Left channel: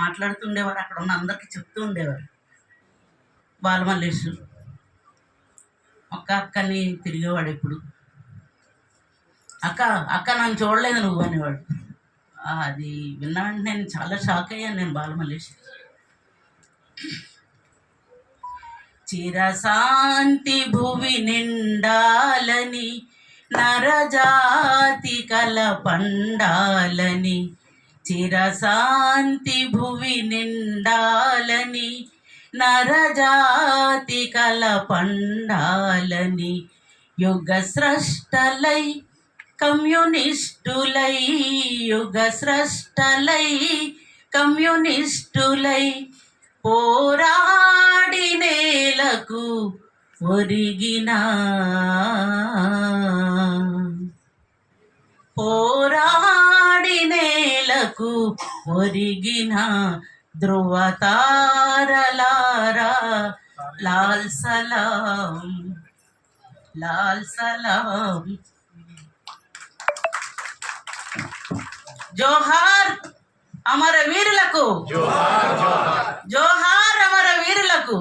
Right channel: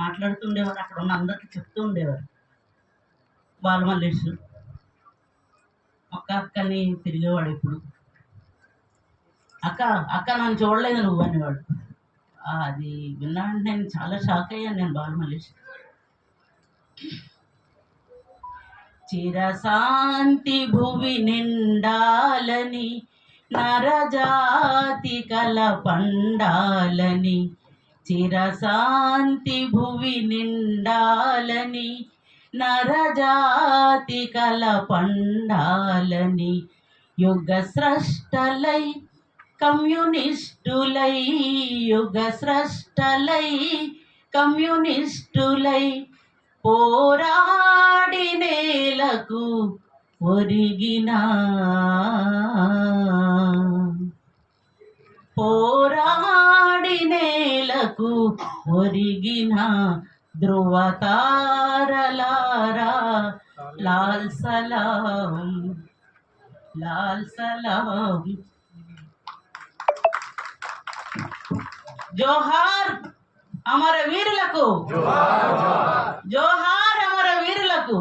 మాట్లాడుతుండేవారు, అక్కడ ఉన్న అందరికీ చెప్తూ ఉండేవారు. బాలమల్లేషు ఒక్క అక్కని తిరిగేవాడు ఎప్పుడు. అక్క అక్క నన్ను చూడలేదు నువ్వు అనేవాడు. అది విన్న వెంటనే నేను చాలా షాక్ అయ్యాను. నేను బాలమల్లేష్ చిరశాంతి భువి నిండాలని నరజాతి కల పండాలని, చిరశాంతి భువి నిండాలని నరజాతి కల పండాలని, యుగ స్రష్టలై కమ్యూనిస్టులై, యుగ స్రష్టలై కమ్యూనిస్టులై పోరాడి నేలకు ఒరిగిన, పోరాడి నేలకు ఒరిగిన ధ్రువతారలారా లాల్ సలాం, లాల్ సలాం. జోహార్ అమర వీరులకు, జోహార్ అమర వీరులకు.